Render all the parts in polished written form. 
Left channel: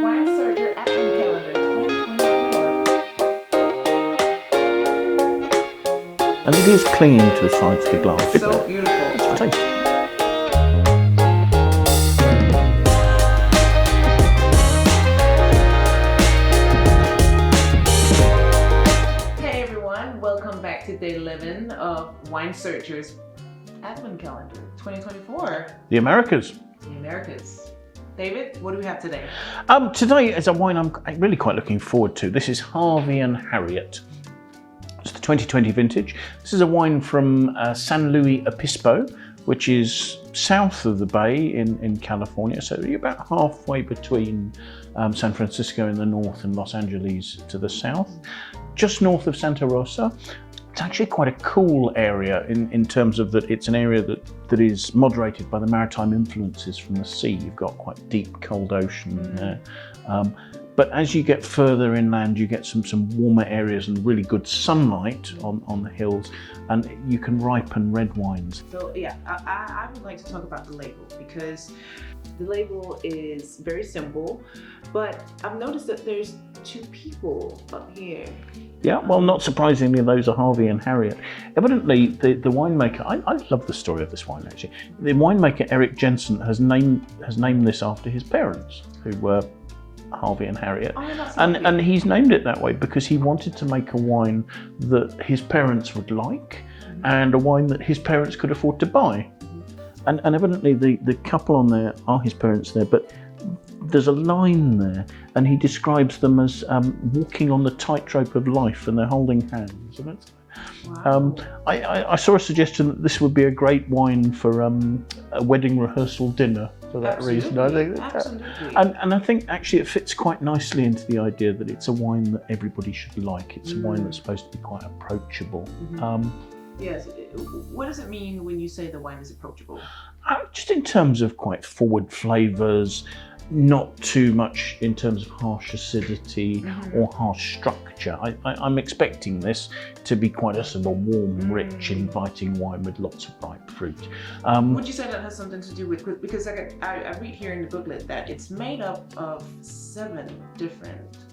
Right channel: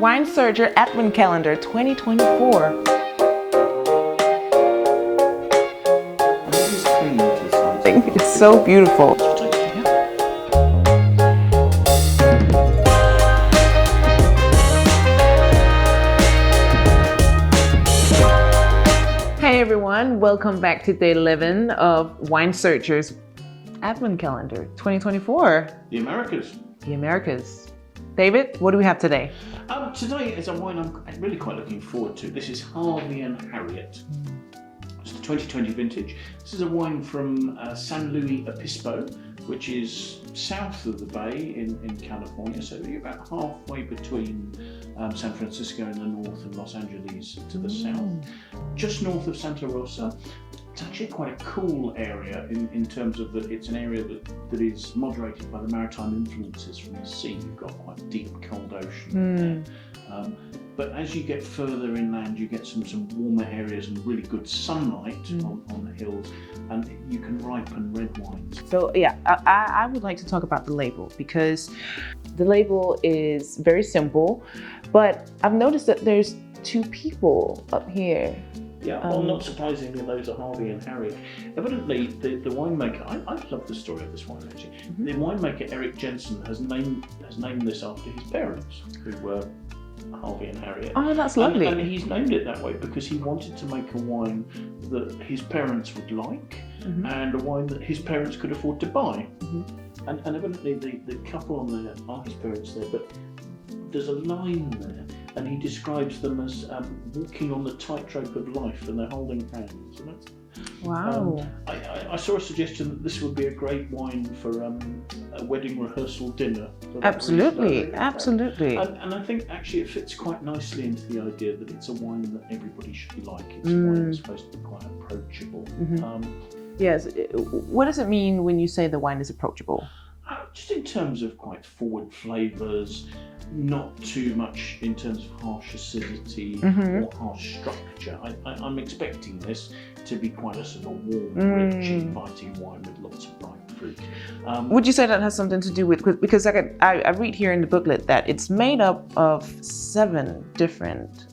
Wine Surger Advent Calendar 2024. And it is clinging to the sides of the glass. It's so beautiful. Hey everyone, welcome back to day 11 of Wine Searcher's Advent Calendar 2024. The Americas. The Americas. David, what do we have today? Today is a wine I'm really quite looking forward to. This is Harvey and Harriet. It's the 2020 vintage. This is a wine from San Luis Obispo, which is south of the bay in California. So you're about halfway between San Francisco in the north and Los Angeles to the south, just north of Santa Rosa. It's actually quite a cool area in terms of that it's an area that is moderated by the maritime influences from the sea. You've got quite deep, cold ocean there. But as you get further inland, you get some warmer areas and really good sunlight on the hills, and you can ripen red wines. So yeah, I would like to talk about the label, because the label is very simple, but I've noticed that there's two people up here. Yeah, well, not surprisingly, those are Harvey and Harriet. Evidently, the winemaker, I love the story of this wine actually. The winemaker Eric Jensen has named this after his parents, who were Harvey and Harriet. Oh, that's lovely. And he's named it that way because he wanted to make a wine that his parents would like, and a wine that his parents could afford to buy. And evidently the couple on there are his parents there, but there's a line there, and he describes them as walking on the tightrope of life, and they're holding hands. And Wow. I saw a suggestion that this would be a great wine for a wedding rehearsal dinner. For that Absolutely, reason. absolutely. And I think actually it fits quite nicely into the idea that it's a wine that everybody should like. It's a wine that's supposed to be quite approachable. Yes. What does it mean when you say the wine is approachable? Just in terms of quite forward flavours, not too much in terms of harsh acidity or harsh structure. I'm expecting this to be quite a sort of warm, rich, inviting wine with lots of ripe fruit. Would you say that has something to do with, because I read here in the booklet that it's made up of 7 different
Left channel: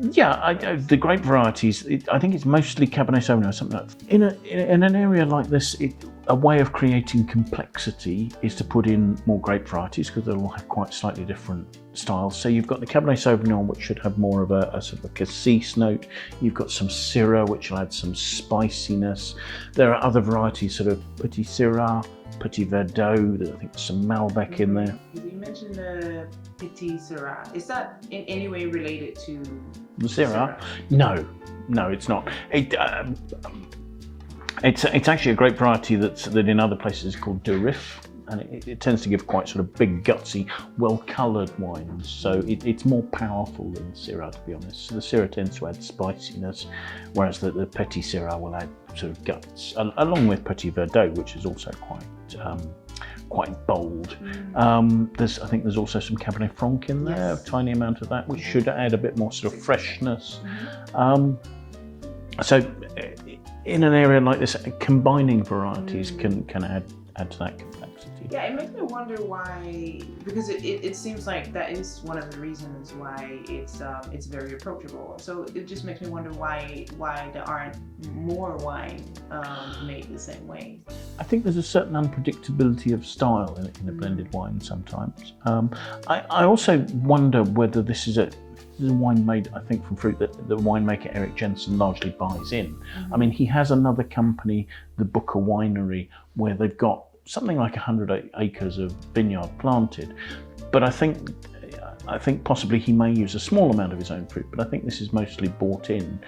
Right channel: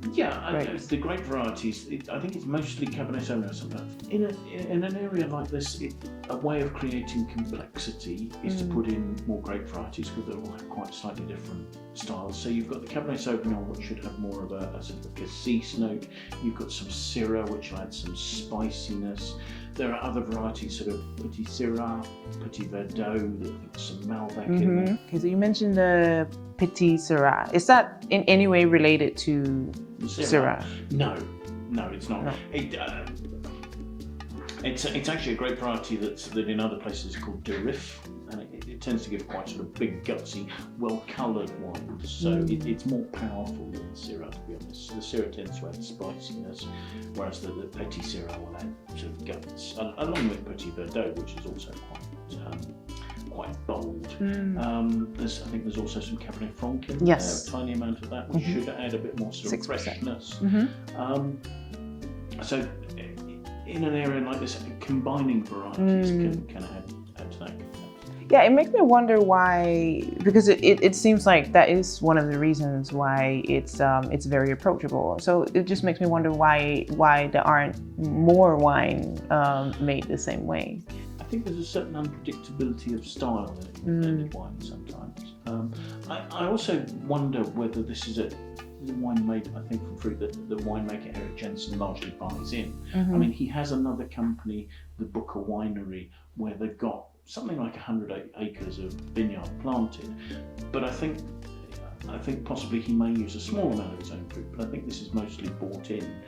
the grape varieties, I think it's mostly Cabernet Sauvignon or something like that. In an area like this, a way of creating complexity is to put in more grape varieties, because they'll have quite slightly different styles. So you've got the Cabernet Sauvignon, which should have more of a sort of a cassis note. You've got some Syrah, which will add some spiciness. There are other varieties, sort of Petite Sirah, Petit Verdot. I think there's some Malbec in there. Okay, so you mentioned the Petite Sirah. Is that in any way related to The Syrah? No, it's not. It's actually a grape variety that in other places is called de Rif, and it tends to give quite sort of big, gutsy, well-coloured wines. So it's more powerful than the Syrah, to be honest. So the Syrah tends to add spiciness, whereas the Petit Sirah will add sort of guts, along with Petit Verdot, which is also quite bold. I think there's also some Cabernet Franc in there, a tiny amount of that, which should add a bit more sort of 6%. Freshness. So in an area like this, combining varieties can add to that complexity. Yeah, it makes me wonder why, because it seems like that is one of the reasons why it's very approachable. So it just makes me wonder why there aren't more wine made the same way. I think there's a certain unpredictability of style in the blended wine sometimes. I also wonder whether this is a wine made, I think, from fruit that the winemaker Eric Jensen largely buys in. I mean, he has another company, the Booker Winery, where they've got something like 100 acres of vineyard planted. But I think possibly he may use a small amount of his own fruit, but I think this is mostly bought in.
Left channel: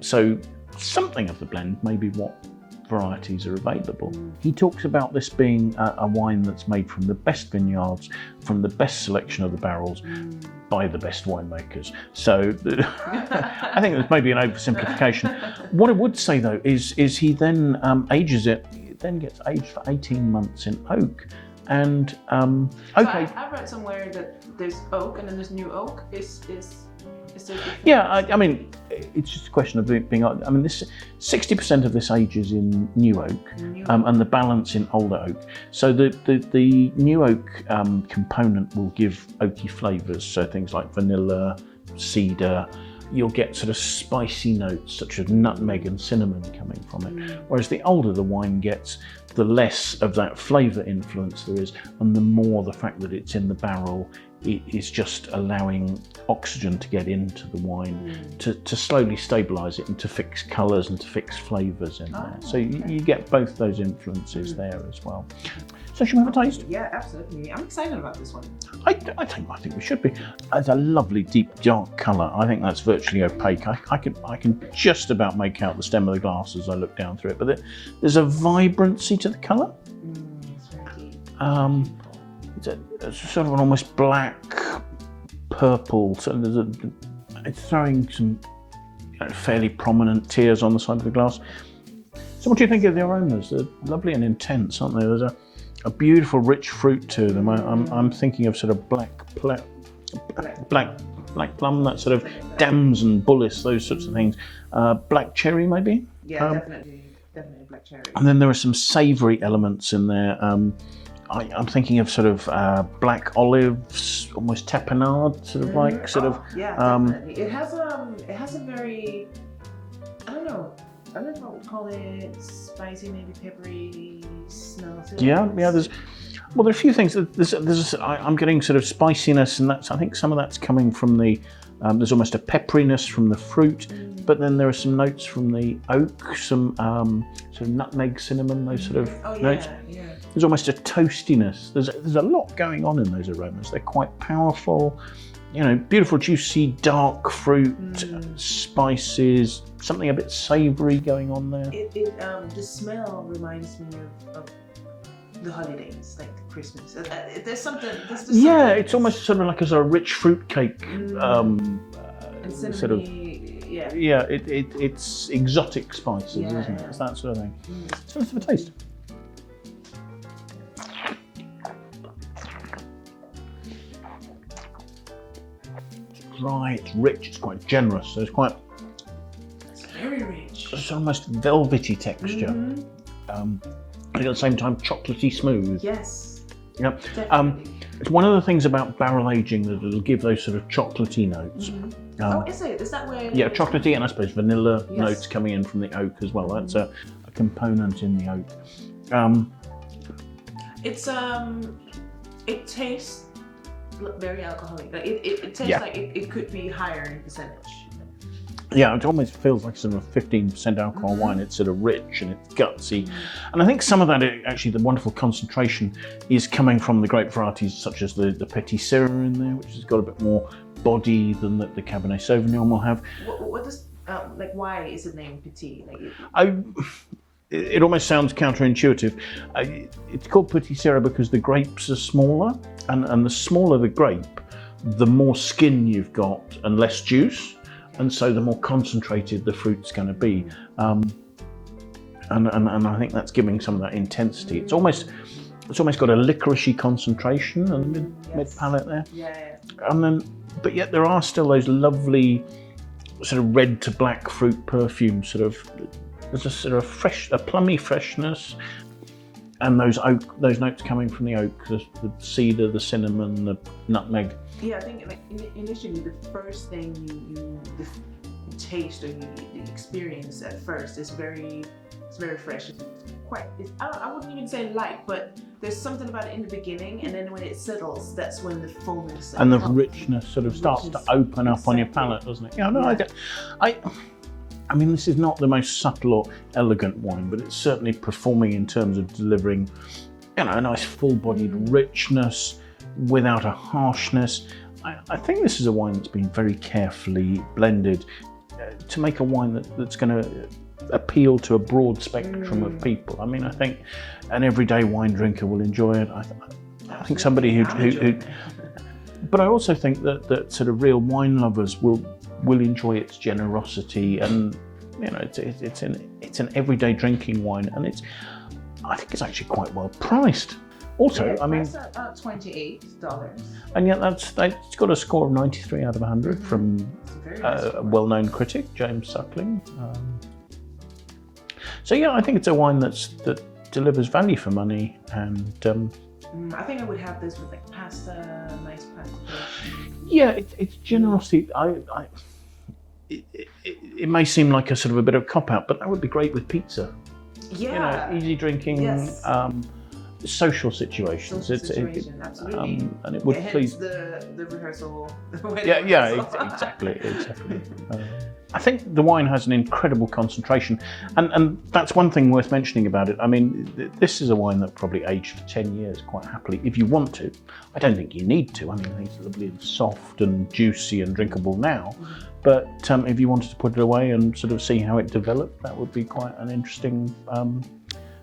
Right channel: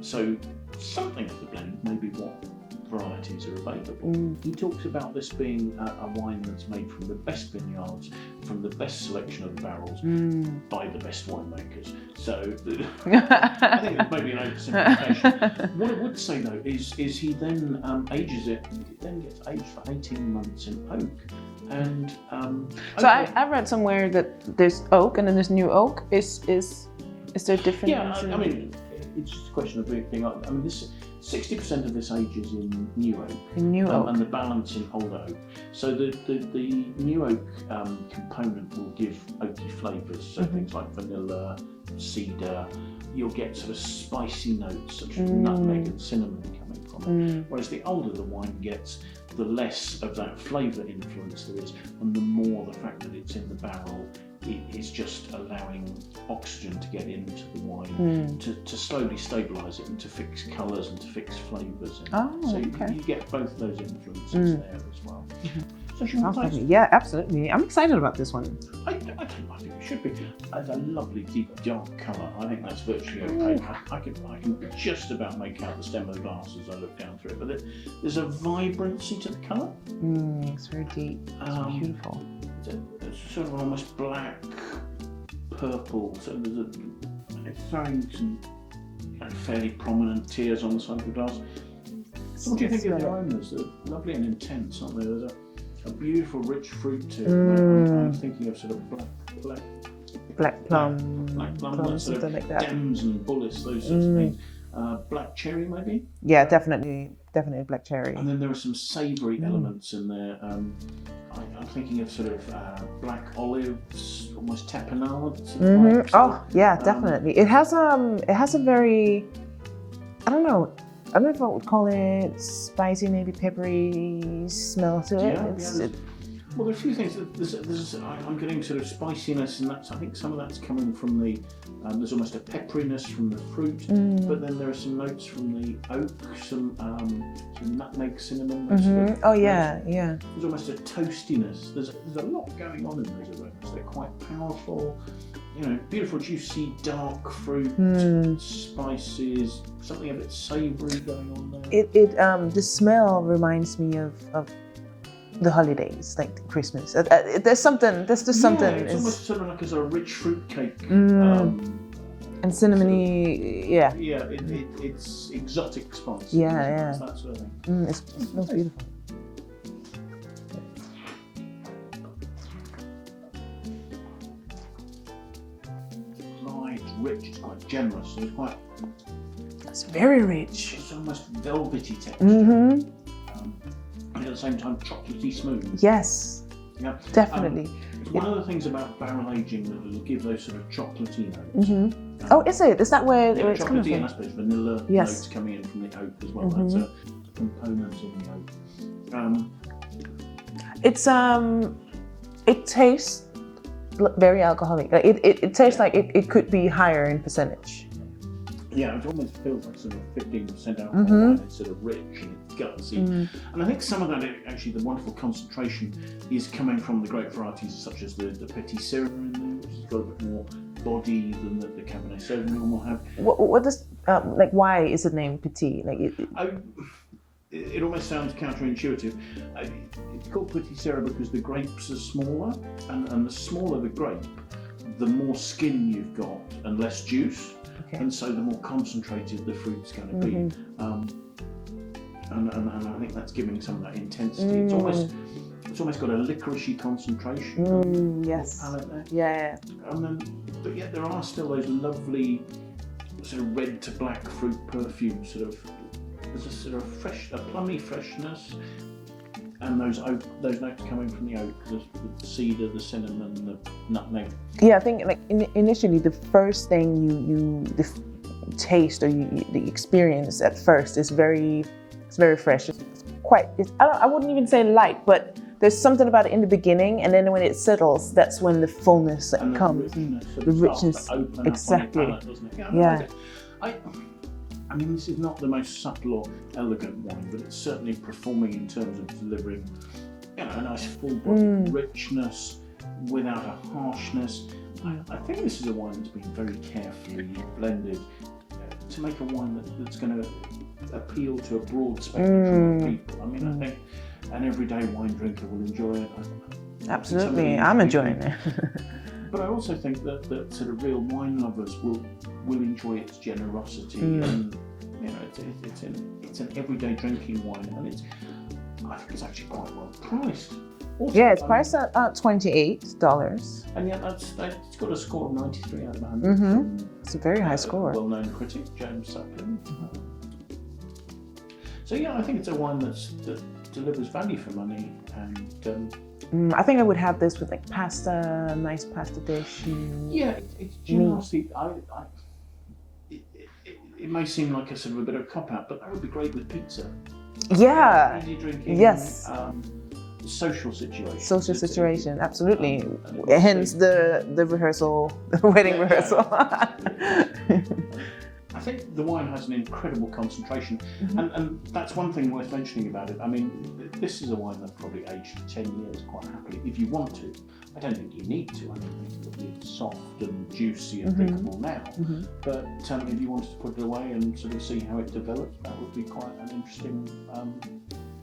So something of the blend may be what varieties are available. He talks about this being a wine that's made from the best vineyards, from the best selection of the barrels, by the best winemakers. So I think that's maybe an oversimplification. What I would say though is he then ages it. It then gets aged for 18 months in oak. And so I read somewhere that there's oak and then there's new oak. Is there difference? Yeah, I mean, it's just a question of it being. I mean, this 60% of this ages in new oak, and the balance in older oak. So the new oak component will give oaky flavours. So things like vanilla, cedar. You'll get sort of spicy notes such as nutmeg and cinnamon coming from it. Whereas the older the wine gets, the less of that flavour influence there is, and the more the fact that it's in the barrel, it is just allowing oxygen to get into the wine to slowly stabilise it and to fix colours and to fix flavours in there. So you get both those influences there as well. So should we have a taste? Yeah, absolutely. I'm excited about this one. I think we should be. It's a lovely deep dark colour. I think that's virtually opaque. I can just about make out the stem of the glass as I look down through it. But there's a vibrancy to the colour. It's very deep. It's beautiful. It's sort of an almost black purple. So it's throwing some fairly prominent tears on the side of the glass. So what do you think of the aromas? They're lovely and intense, aren't they? There's a beautiful rich fruit to them. I'm thinking of sort of black plum, that sort of like dams and bullace, those sorts of things. Black cherry maybe? Yeah, definitely black cherry. And then there are some savoury elements in there. I'm thinking of sort of black olives, almost tapenade, sort of like. Yeah, definitely. It has a very, I don't know if I would call it spicy, maybe peppery smell to it. Yeah. There are a few things. I'm getting sort of spiciness, and I think some of that's coming from the. There's almost a pepperiness from the fruit, but then there are some notes from the oak, some sort of nutmeg, cinnamon, those sort of notes. Yeah. There's almost a toastiness. There's a lot going on in those aromas. They're quite powerful. Beautiful, juicy, dark fruit, spices, something a bit savoury going on there. The smell reminds me of the holidays, like Christmas. There's something. Yeah, it's almost sort of like a sort of rich fruit cake. And cinnamony, sort of, yeah. It's exotic spices. Yeah. It's that sort of thing. It's beautiful. Dry, it's rich, it's quite generous. So it's very rich. It's almost velvety texture. At the same time, chocolatey smooth. Yes. Yeah, definitely. It's one of the things about barrel aging that it'll give those sort of chocolatey notes. Is it? Is that where? Yeah, chocolatey and I suppose vanilla notes coming in from the oak as well. That's a component in the oak. It tastes very alcoholic. Like it tastes like it could be higher in percentage. Yeah, it almost feels like sort of a 15% alcohol wine. It's sort of rich and it's gutsy. And I think some of that, actually, the wonderful concentration is coming from the grape varieties such as the Petite Sirah in there, which has got a bit more body than the Cabernet Sauvignon will have. What does, why is it named Petit? It almost sounds counterintuitive. It's called Petit Sirah because the grapes are smaller, and the smaller the grape, the more skin you've got and less juice. And so the more concentrated the fruit's going to be, and I think that's giving some of that intensity. It's almost got a licoricey concentration on the mid palate there. Yeah. But yet there are still those lovely sort of red to black fruit perfumes. There's a sort of a plummy freshness, and those notes coming from the oak, the cedar, the cinnamon, the nutmeg. Yeah, I think initially the first thing you taste or the experience at first is very fresh. I wouldn't even say light, but there's something about it in the beginning, and then when it settles, that's when the fullness and comes. The richness sort of starts to open up on your palate, doesn't it? Yeah, I mean, this is not the most subtle or elegant wine, but it's certainly performing in terms of delivering, a nice full-bodied richness without a harshness. I think this is a wine that's been very carefully blended to make a wine that's going to appeal to a broad spectrum of people. I mean, I think an everyday wine drinker will enjoy it. I think somebody I'm enjoying it. But I also think that sort of real wine lovers will enjoy its generosity, and it's an everyday drinking wine, and I think it's actually quite well priced. Also, Yeah, it's I priced mean, at $28. and yet it's got a score of 93 out of 100 from It's a very high a score. well-known critic, James Suckling. So yeah, I think it's a wine that delivers value for money, and I think I would have this with like pasta, nice pasta dish. yeah, it's generosity. It may seem like a sort of a bit of a cop-out, but that would be great with pizza. Yeah. You know, easy drinking. Yes. Social situation. Absolutely. And it would Hence please- the rehearsal, the wedding rehearsal. Exactly. I think the wine has an incredible concentration, and that's one thing worth mentioning about it. I mean, this is a wine that probably aged for 10 years quite happily, if you want to. I don't think you need to. I mean, it's lovely, soft and juicy and drinkable now. But if you wanted to put it away and sort of see how it developed, that would be quite an interesting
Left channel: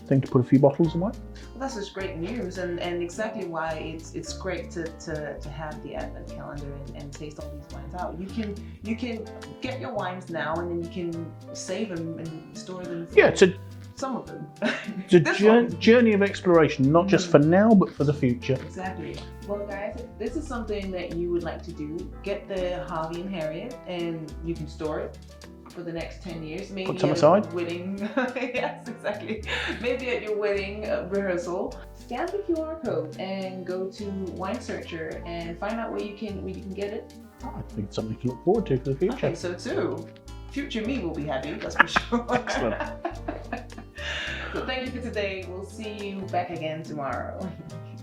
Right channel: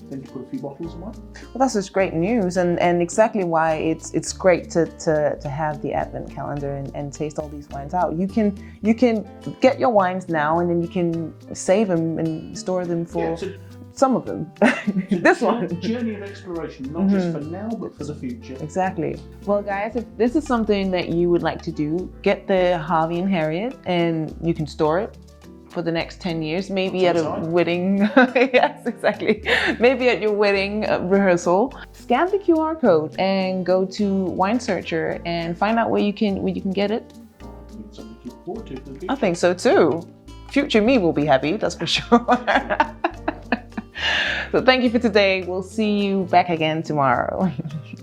thing to put a few bottles away. Well, that's just great news, and exactly why it's great to have the Advent calendar and taste all these wines out. You can get your wines now, and then you can save them and store them for some of them. It's a journey of exploration, not just for now, but for the future. Exactly. Well, guys, if this is something that you would like to do, get the Harvey and Harriet, and you can store it for the next 10 years, maybe at a wedding. Yes, exactly. Maybe at your wedding rehearsal. Scan the QR code and go to Wine Searcher and find out where you can get it. I think it's something to look forward to for the future. I think so too. Future me will be happy, that's for sure. So thank you for today. We'll see you back again tomorrow.